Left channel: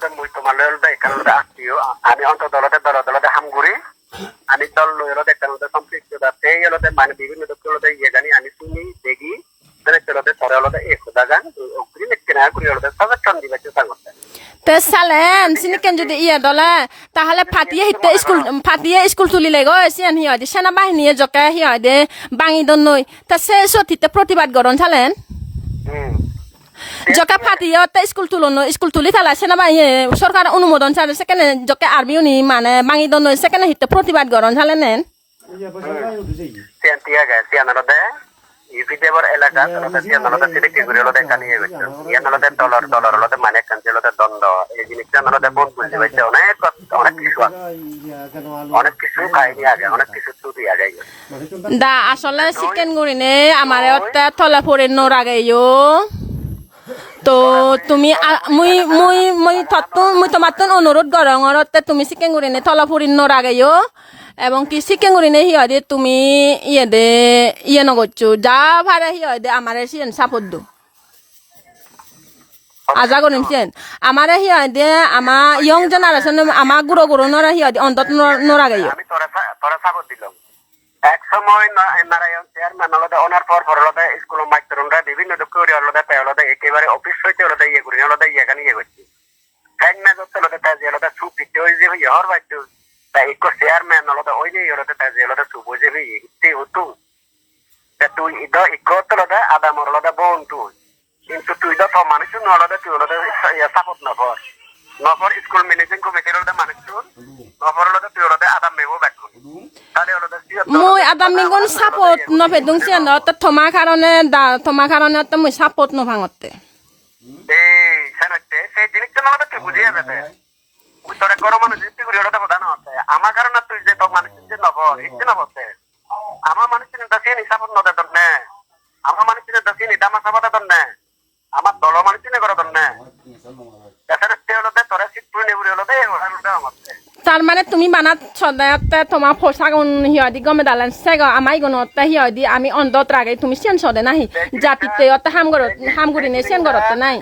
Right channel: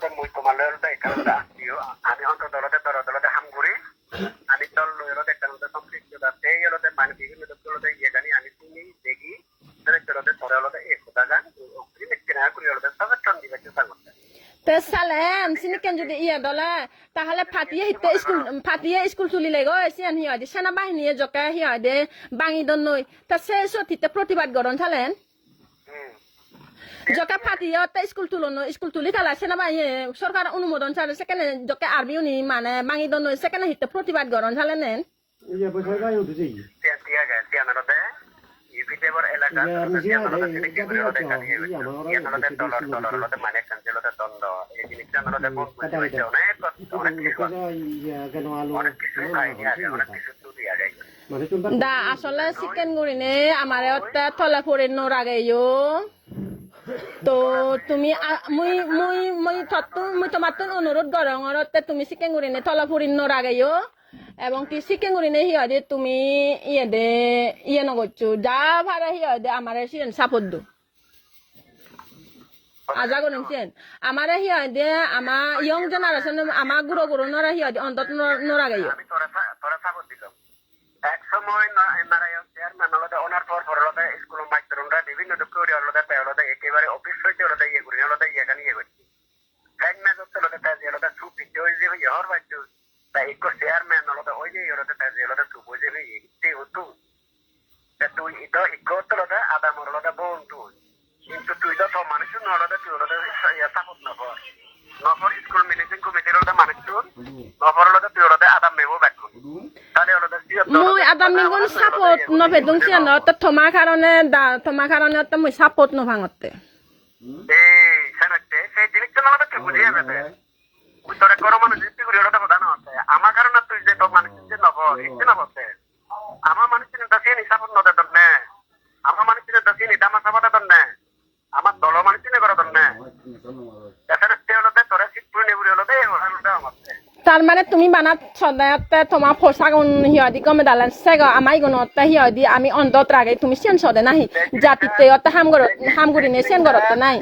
হলতে মুই তোমার হলতে এখানে হলতে আত্মীয় আমি অন্তত হলতে দলতে হামগুড়ি আমি দল লই হলতে এখানে হলতে সম্পৃক্ত দাতে হলতে মানে বিভিন্ন দল হলতে ইয়ে জানি আমি শুনি দেখি মানে হলতে ধরে হলতে এক কথা গান ওকরি নেকে না করি হলতে সব টান দিবাছে সাঙ্গতে তে সালেন সিনিকেন যদি ইয়ে দলে তাহলে ফাটিয়ে স্কুল তুলি লাগো সিয়ান হিয় দি সেনাবাহিনী জকে হিয় দে বাঙি দন নই তা সে সঠিতে প্রতিবাদ গরন চালেন জকে ফাটিয়ে তে স্কুল তুলি থালা সেনাবাহিনী সরকার অনুমোদন ছাড়ে সেখানে জকে আর্মি উনি মানে বাঙি দন নই সেখানে হিতে প্রতিবাদ গরন চালেন সিয়ান টিয়া গে সিয়ান হলতে ইপিদেবর এলাকা সিয়ান হলতে সিলেক্ট করে হলতে কালি সিয়ান হলতে ডলার হলতে মানে কাঞ্চে হলতে দণ্ড এই জিনিসটা হলতে কোন বুঝতে পারছে অনেক কিছু কাহিনী আগে অনেক কিছু চুরি আগে দা আসলে চিকেন গুড়িনে আমার তলা পরে নরাগেও তো তুমি মুই তোমার অনুরোধ গরঙরতে তুমি চিকেন গুড়িনে তলা পরি নরাগেও এবং কি চিকেন গুড়িনে হিয় দে তুমি ইয়ে নগরছো যা ভাড়া হিয় দে আমার সিয়েন সাপোর্ট দো আজা করিম সিয়েন আমার হিয় দে আমার ইয়ং জেনারেশন আমার গুড়ো নরা হিয় দে অন্তত নরাগেও আমি তোরা সাপোর্ট দিলাম এক সময় নারায়ণ চেয়ারম্যান হলতে ওনার পর হলতে স্কুল মাইতরুনরা বিভিন্ন দুঃখ হলতে একেবারে অফিস হইতে হলতে ইয়ে করি হলতে ইয়েখানে ইয়ে করছি ফ্যান না করতে হলতে তাই যে হলতে সুপ দিতে ওই যে ইহর বাচ্চু তাই এক চেয়ারম্যান হলতে ওই যে হলতে তাই যে হলতে সুপ ওই যে ইতে হতো তুই ইকত হলতে আদামর হলতে বোন তুই কিন্তু তুই তো মানুষ হলতে তুই হলতে সাপোর্ট নকর স্কুল ম্যানেজিং কমিটির হলতে মানুষ নফর হলতে তুই হলতে আদাম মেবো ব্যাক তাহলে হলতে মই আদাম মেগুন সাপোর্ট নভেদুং সিয়ান তে থমা কারণে তে মই সাপোর্ট নভাঙতে এই সানতে সেই জিনিসটা না তুই বুঝিয়ে যাবে তোরা করো মানুষ জিতে করে হলতে কথা না আছে আমার কারণে তুই যে তো মানুষ যে ইচ্ছে না বলতে আমার মানুষের দাসে নি সাপোর্ট নতে দন্নে আমার মানুষের দাসে নি দামা সাপোর্ট দন্নে আমার দল মানুষের করে দন্নে তাছাড়া সে হলতে তোরা সিটপুর নেবুরি হলতে হলতে আমার তার মানে তুমি বানাত সদায়তে তোমার ফসাগুন হিয়দি গমে দালান সেগ আমাই গুণতে হিয়দি আমি অন্তত রাগে তুমি সিয়ান সদে নাহি জাতিতে অত হামগুড়ি নে সিয়ান গরতে নাই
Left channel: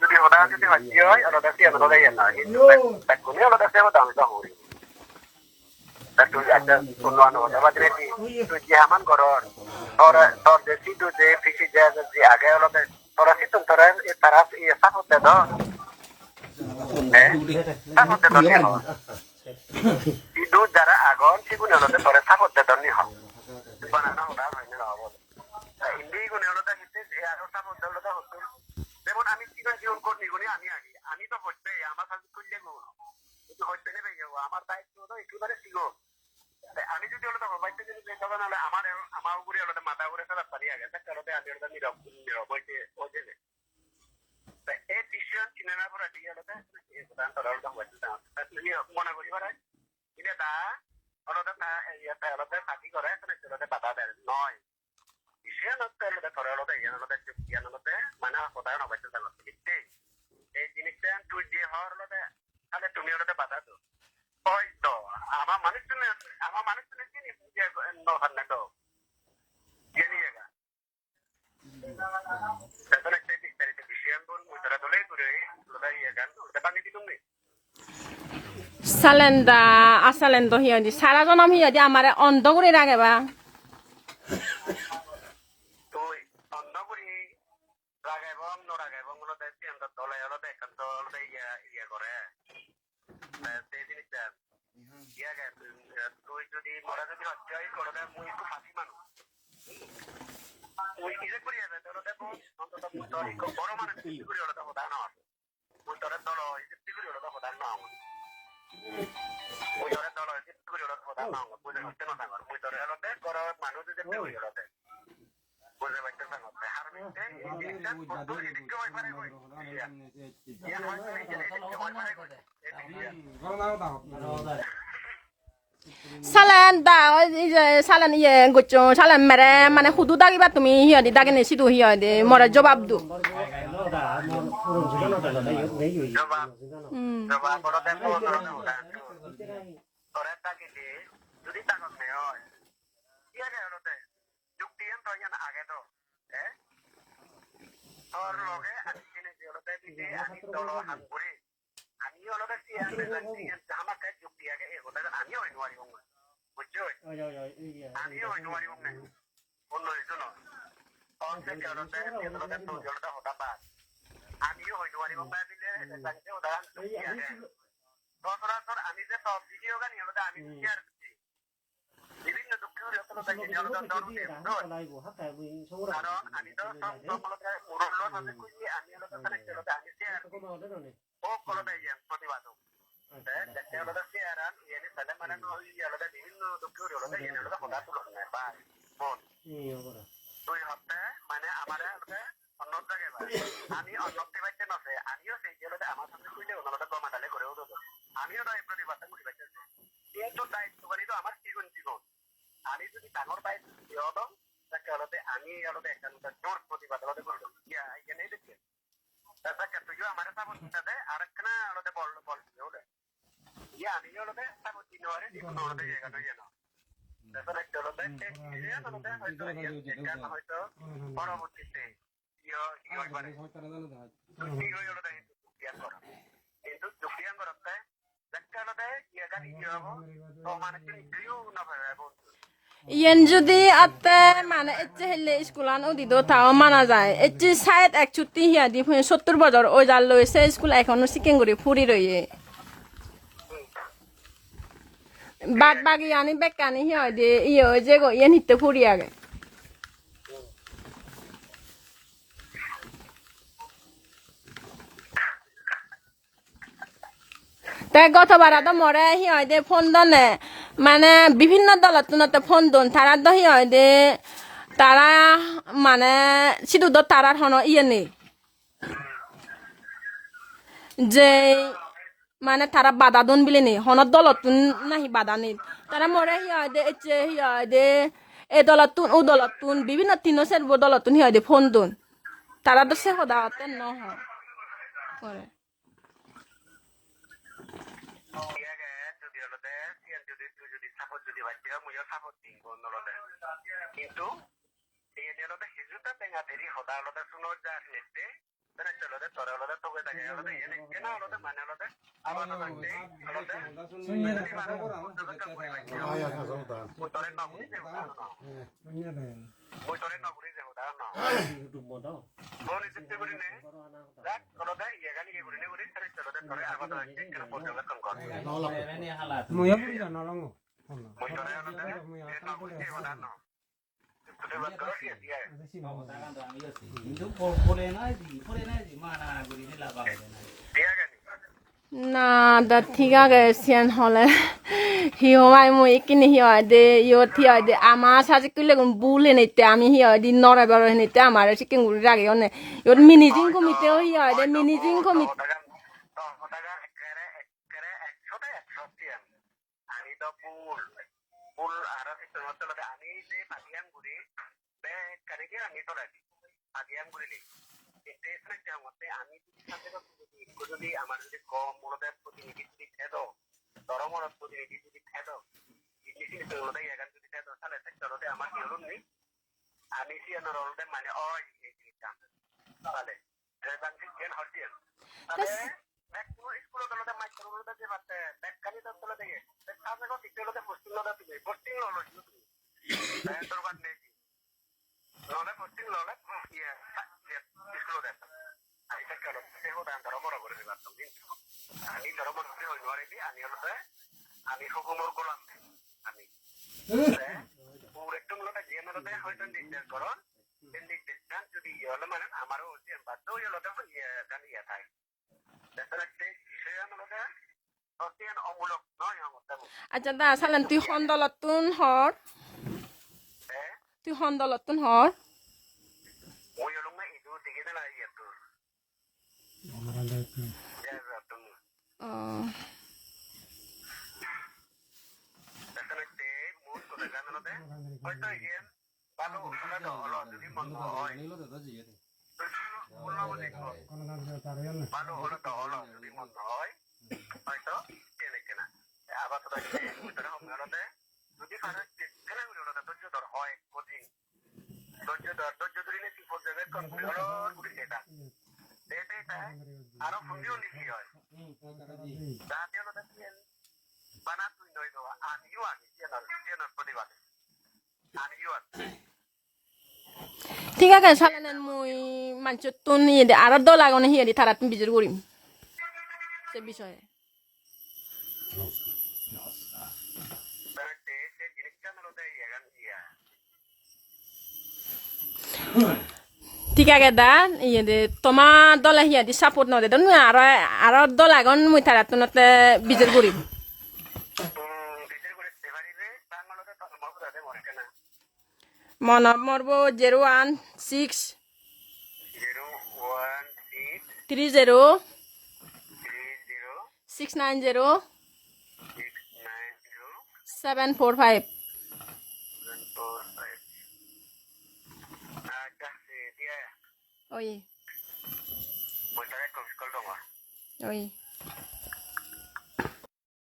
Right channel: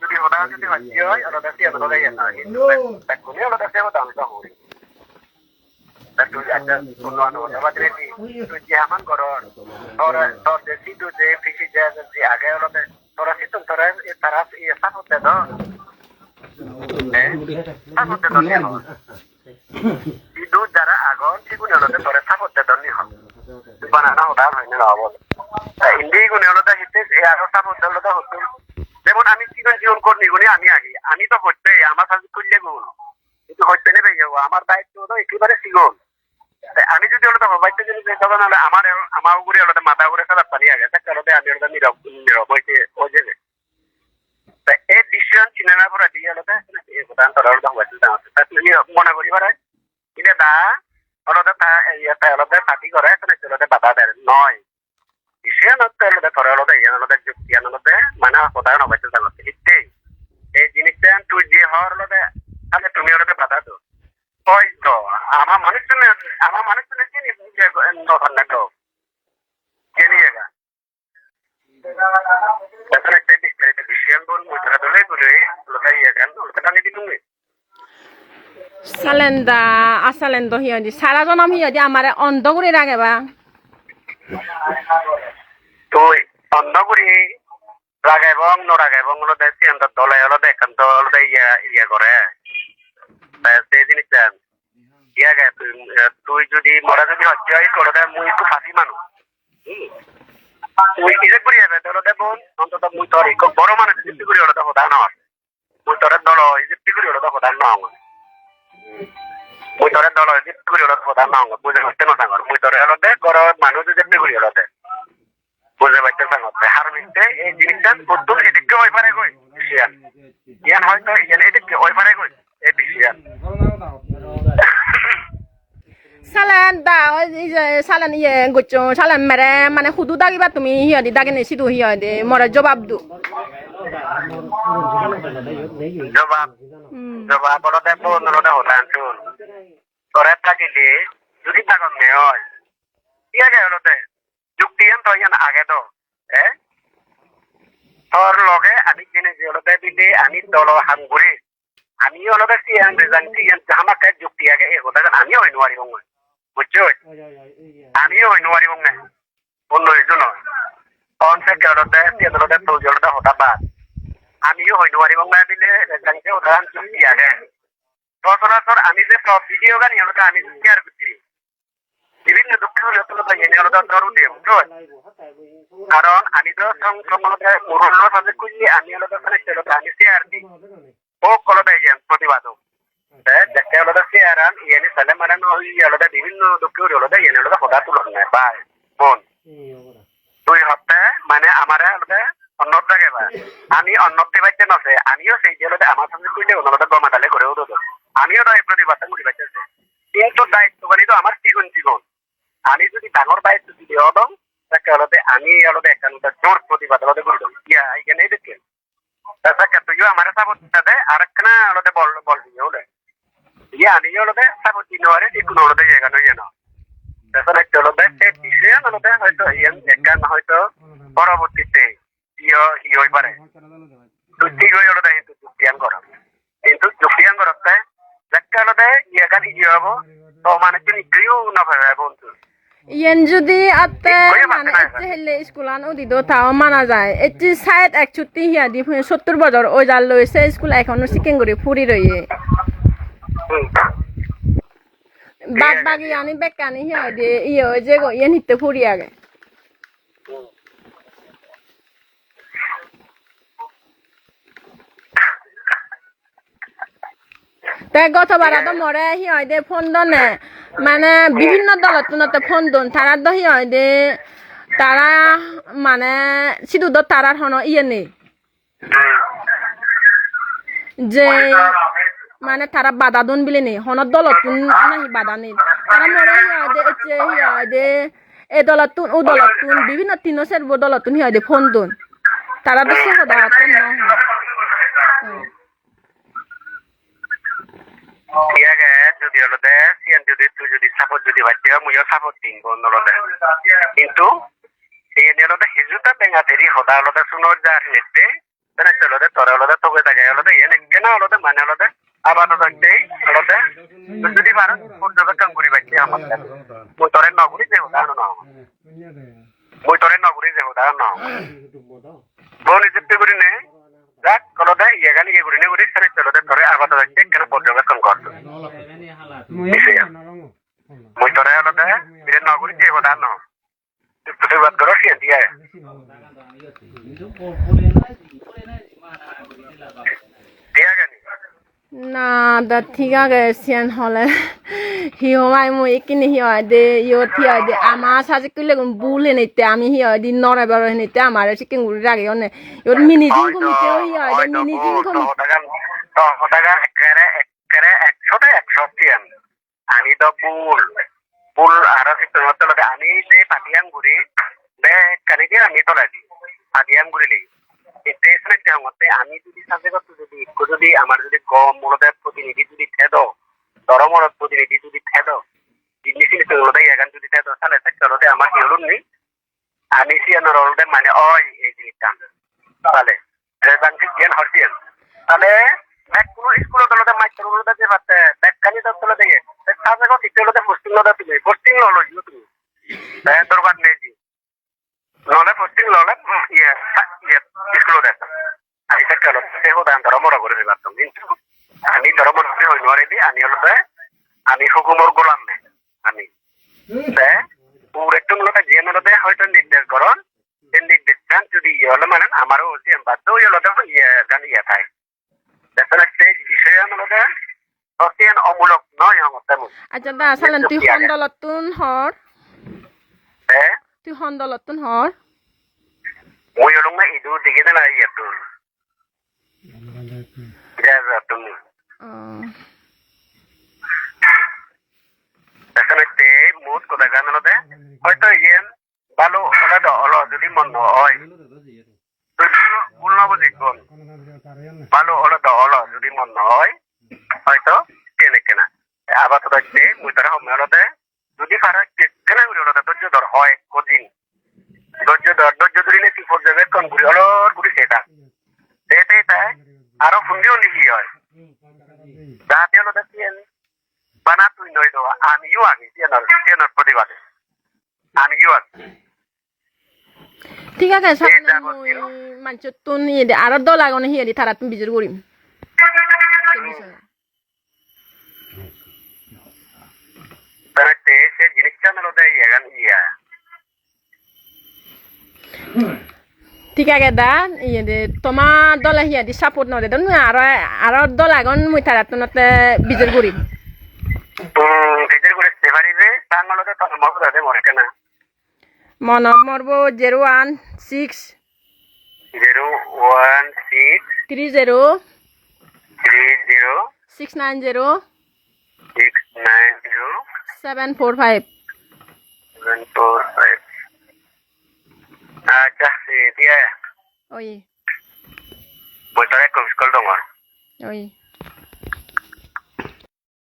যদি হদা যদি হচ্ছে হয় হদা সিয়ান হদা ইয়া না তাকুনি হদা সেবা দাম তো হরি তুই একটা উন্নয়ন হতে পারে তুই যে আমার ঘর তোর দেখি তুই যে ফিসি যে আগে হলতে তোরা সিটন তোরা তারা সাপোর্ট দে দাও ইদু যারা আগন সেগুলো হলতে তোরে সাপোর্ট দে দনি হল বানানা হদা হইনে না বল ইন্ডি গুনে হলতে হিতে এই আর সাপোর্ট দে হলতে হতো যেমন আমি জীবন করনি গুনি আমি আগে আমি তো হচ্ছে আমার সাথে করলে গুণ কিন্তু হচ্ছে নেবে আমার দায়িত্ব তো একেবারে সিগন আমি যদি হলতে বাইতে যদি তখন হলে আমার উপরে হলতে মাথা করে সালাদ পানি আগে তাকে হলতে আমি হলতে নীরব হইতে ওই যে এই ডিসিশন চিনে না পড়া দিয়ে হলতে এই প্রধান তোরা হলতে হয়েছিল মনে করি পারে ইলে দা হলতে হলতে পার্টি করে হলতে বাধা দেয় নয় ডিসিশন হচ্ছে হলতে তোরা হলতে হলতে যুক্তি হলতে মানে প্রধান হয়েছিল জানতে হিটে এই জিনিসটা তুই যে হওয়ার হলতে তাহলে তুমি হলতে বাধা দো ওই তো আমার মানুষজনে চিনি নখন না তো জেনে জায়গা তখন একটা বিস্তারিত বিষয় বল মুদ্রা দলে বলে লোকাই গান ওটা আমি দিলুম সালেন্দা আসালেন্দা হিয়দি সারা জনম হিয়দি আমারে অন্ধ করে রাখেবা তুই অন্ধ করে রাগাইবং নরাগাইবং হলো দেখছি অন্তর দলে হলো একান্ত হলো ইয়া করে সেই জিনিসটা ইয়া গে তুই যদি মরা যদি হচ্ছে হয় তোর মুই একটু ফাঁসি মানুষ মুই নিজে করি যাবে তোর বোন অন্তত মুই তোর এক বড় মানুষ ইজিপ্তি করি হলো হতা না মুই তোর দল ইজিপ্তি করি হলো হতা না মুই তোর দল ইজিপ্তি করি হলো হতা না বুঝে হচ্ছে না সাঙ্গর মুই তোর হলো গড় মানুষ ইজিপ্তি করি হলো বুঝে পাইতে সাঙ্গর হার মিশতে এই জিনিসটা প্রথম এদিকে ওই পারে কই ডিসিশন ইয়ান হয়তো এদিকে ওই পারে কই এই ডিসিশন সালান দা সালান ইয়ে গচ্ছো সালান মেরে মানে খুদু দাগিবা তুমি হিয়দি দাগে নেছি তো হিয়দি মরে জবাব দু জবাব বলো দেখো অনুরোধ হতান শুন তোরা থাকিলে যদি তাগন নে হয় ইয়া গে হলো যুক্তি তো ইয়ান আগে তো তোর লগে আমি জেনে যে হলো দিলে আমি দল হাঙ্গুরে আমি হলো সিয়ান রেজাল্ট সিয়ান আমাকে যুক্তি আগে এ কথা আমি হই নোয়ারি বঙ্গ বুঝছো আমি হই নোয়ারি বঙ্গ অন্য এজন অনসে কেলতে সিয়ালতে তো জলটা হতা বাদ আমিও হই নোয়ারি বঙ্গ দিলে রেজাল্টে উদাহরণ যুক্তি আগে সচরাচর আমি যে সব ভিডিও গানি হলো আমি শেয়ার করছি বিভিন্ন দুঃখ হলে এনে হলো ধরু দিয়ে বুঝছো কারণ আমি তো সংক্রমণতে মুরুল্ল সাথে খুঁজলি আমি হলো আমি শেয়ার দিই ও কলতে যান প্রতিবাদক দেখতে হলো শেয়ার আন ইয়ানি সালে মারান ওই হলো বিভিন্ন দুঃখ হলো ইয়ানি হলো হদা তুলন না বাই বোন 2 সপ্তাহে মানে আমার হলো অন্য জায়গায় বা আমি অন্যতে বাইতে নছে আমিও সেই হলো আমার সাথে খুঁজলে ওনারা গমাতালে করেও দেবো আমিও তো এই প্রতিবাদটা মুড়ি বাইতেছে কিন্তু দায়িত্বকারী তো আমার জীবন আমি যদি ডাঙর দায়িত্ব যদি হলাম তাকে হলো আমি হলো একটা জোর প্রতিবাদ হলো করে দেবো ইয়া এখানে দেখেন তাকে তুইও আমার সাপোর্ট দে আর একটা হলো বল দিয়ে হলে ইয়া আমি হলো সাপোর্ট দিন আরে কোনো হলো এখানে ইয়ে না তাছাড়া একটা হলো সে বিষয়ে হলো হয়তো এখান হয়তো পরবর্তীতে ইয়ে পারে চুক্তি হয়ে হলো কিন্তু চুক্তিয়ান করা কিন্তু চুক্তিয়ান করতে একটা হলো ইয়ে গাড়ি ইয়ে হবো তো মানে তুমি কেউ না ভাবে বন্ধু ইয়ান যদি আতে মানে এতে হেলে স্কুলান ওদি দো তাও মানা যায় এটি সাইড 61 হিয়া দি 70 বছর ওই জাল লইছে স্কুল এখনো সিকেন করে ফুরি রইয়ে বাদ বাকি আনি বেকানি হিয়া দে ইয়ে যে গো ইয়ান হিতে ফুরি আগে তাই গতবার তো মরে হি হয় দে ফোন দনে মানে বিভিন্ন দলতে ফোন দন তারা তো হি হয় দে তারা মানে সিধু তো তারার হন ইয়ে নেই যে মানে তারা বাধা দন বিলে নেই হনত দলতুন নাহি বাধা নেই তারা মরে হি হয় দে এচে হি হয় দে এ দলতুন ও দলতুন বিভিন্ন তিনো সেরব দলতুন হি হয় দে ফোন দন তারা তো সে হদা হতে ন ইয়াগে যদি হলো সিয়ান যদি তুই যদি সাপোর্ট যদি বাচ্চা মুইও সাপোর্ট দিন কোন হলো কিন্তু এই হলো হিজুতা বেঙ্গা দেরি হদা হলো শুনো যার নেতে তারা চলো তোরা হলো তোকে থাকে হলো এনে কেন হলো মানে হলো আবার থাকতে হলো যদি পারো পর্যন্ত কাম করি বাচ্চা আমার মই তোরে নগরী যে হদা না মই তোরে নগরী যে হদা না বোন ইজিপ্ট করি নে যাক কলো দে ইয়ে গালি ইয়ে করি নে করি তাহলে চলো তোরে আবার থাকতে কেন পর্যবেক্ষণ করছো মই তোরে হলো বিরে নগরী যে হদা না প্রতিবাদ করো সে দিয়ে না দা ঠিক আছে সিয়ান হলে হি হওয়াই মই কিনে হি হয় দে ইয় থি হয় দে আমার সাজে কিলে বুলে নিতে আমি হি হয় দিন নরে বড় নিতে আমার চিকেন গুড়ি রাগে অনে ইয়র মিনিজিং কমিতে হি হয় দে মিনিজিং কমিতে তো টাকা একরে 100 সিয়ান আমি তো বুল আর সিস্টেম আমি যে পাটিয়ান গুড়ি বে কানিকে আমি তোলাই দি পাটিয়ান গুড়ি লেগে স্টেশনে যাওয়াতে আমি যদি সাথে করতে যদি আমার যদি কম মূলতে প্রতিনিধি যদি থেদো ধর্মর প্রতিনিধি যদি থেদো জিনিসই তোলতে এখান যদি থেদো তাহলে চলতে আমার কি হলো নি আমি সিয়ানোর হলতে মানে ওই এই জিনিসটা তাহলে রেজাল্ট জ্ঞান হরছিয়েন তাহলে এক কোনো স্কুলে তোলতে মাইক্রো তোলতে যে পাতে ব্যাককানি তো তোলতে গিয়ে সাথে কথা তিতলতে পোস্টিং লতে তুমি পোস্টিং ললো তুমি দরকার নেই জি ললে পোস্টিং ললে ইয়ে স্কুলে দেখা আমি চলো সে হতো ধর্মরা করে দিলাম কিন্তু আমি ধর্ম হই নোয়ারে দি আমি হলো আমি হুকুমর গোলাম নেই আমি পুরো মূলত যে মূলত হয়তো নির্দেশ করন সেই নির্দেশটা যদি ইয়ে হলো মানে আমারও বাধ্য হয়ে হলো ইয়ে জানি ইয়ে থাকে দেখেন সেই বিষয়ে মূলত অত্যন্ত অমূলক নয় আমার তেমন আচ্ছা দা সালেন তুই হন্দলতুন হর তুই হন্দলতুন হর ওই হলো না ইদু দিকে না ইয়ে তো তুমি এখানে মোট কথা গান হলো হয়তো ইয়ে ভালো হলো যদি মন হয় ভুল না বুঝি ভালো হলো যদি মন হয় হয়তো কেনে কেনা আবার তো দেখতে মুই তারা হলতে যদি পারা কেনা করে হলো ধৈর্য ধর হয় কদিন ধৈর্য ধরিলে কি পর্যবেক্ষণ করি হলো করি সেটা ঠিক আছে সামনে মই মানুষ তুন ইয়ে দে আর দল আগনে হিয়ে দি তারা তুমি বিজুর করিম সে বিষয়ে তারা সে জিনিসটা নলতে ইয়াগান ইয়া ঠিক আছে দা ইয়ে দে তোমার দলে হিয়ে দি সাপোর্ট নদে দন আর দল আগন মই তারা তুনতে বিজুর করিম বিজুর করে সেভারিবে তাঙ্গলতে তো মগদাতে মরে কেনা মন মরব 016 016 30 30 690 690 745 745 acha si dia ওই moi tare ko skol dong ওই